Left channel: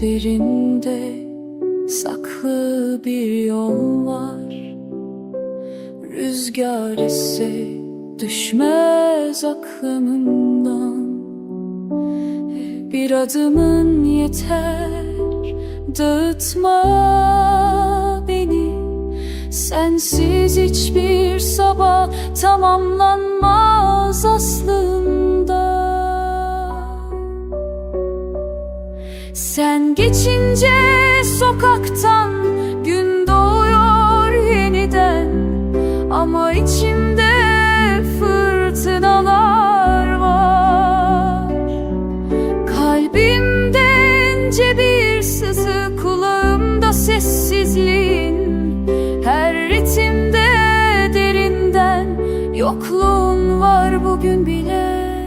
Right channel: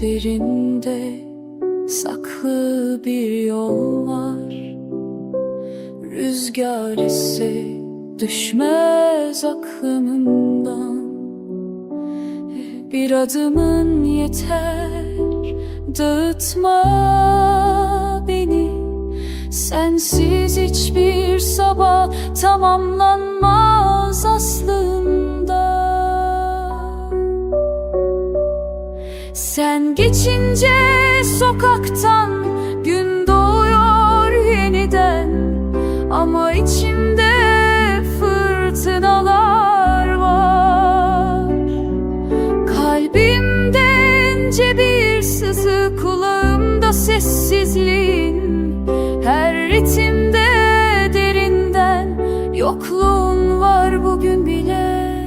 Gözlerinde saklı bir yol var. Rüzgar ise düşmez aklımdan. Bir adımın yeter dağıtma beni. Sensiz hiçbir sabah tamamlanmaz aslında. Sen geçince sokaktan gün doğuyor yeniden. Ama içimde fırtınalar var. Kalbimde ince bir sızı kulağımda sessizliğin. Her ritimde derinden yokluğun var bugün bile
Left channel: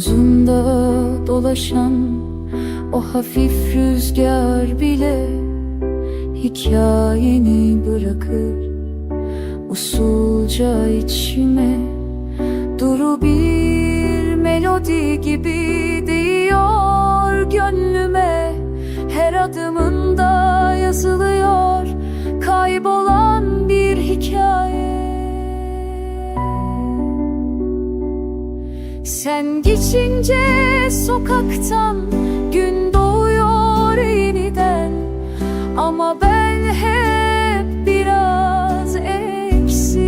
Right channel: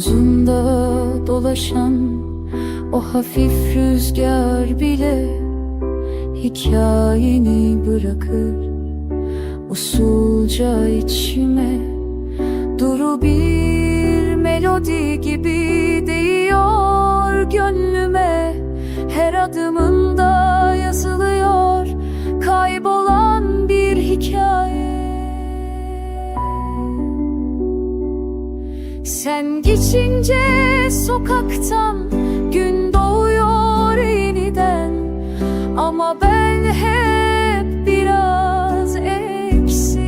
Omzunda dolaşan o hafif rüzgar bile Hikayeni bırakır. Usulca içime Duru bir melodi gibi değiyor gönlüme. Her adımında yazılıyor Sen geçince sokaktan gün doğuyor yeniden. Ama ben hep biraz eksik.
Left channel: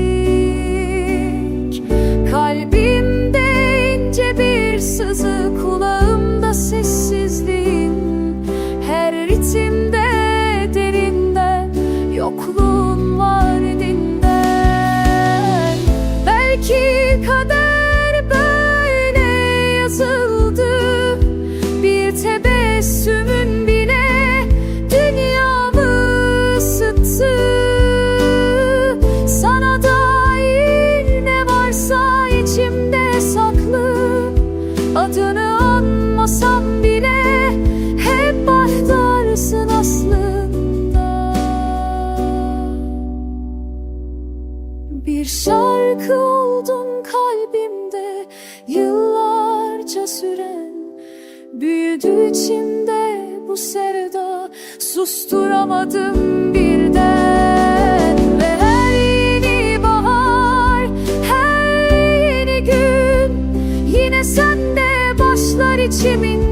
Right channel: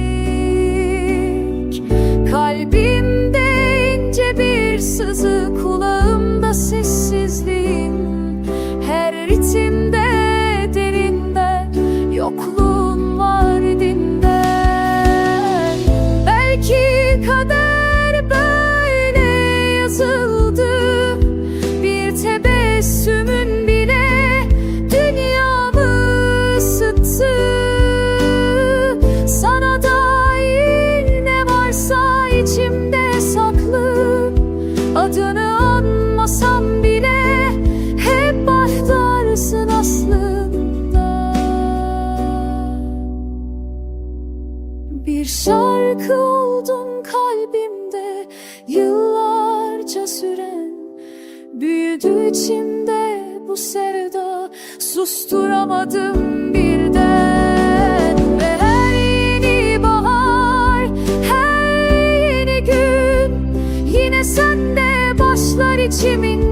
Kalbimde ince bir sızı kulağımda sessizliğin Her ritimde derinden yokluğun var dinden. Belki kader tebessümün bile dünyamı ısıttı. Sana dair ne varsa içimde saklı. Adını anmasam bile hep bahtarsın aslında. Bir şarkı oldun kalbimde yıllarca süren Büyüdü içimde bu sevda susturamadım birden. Ve her yeni bahar, her yeni gün Yine sende başlar içimin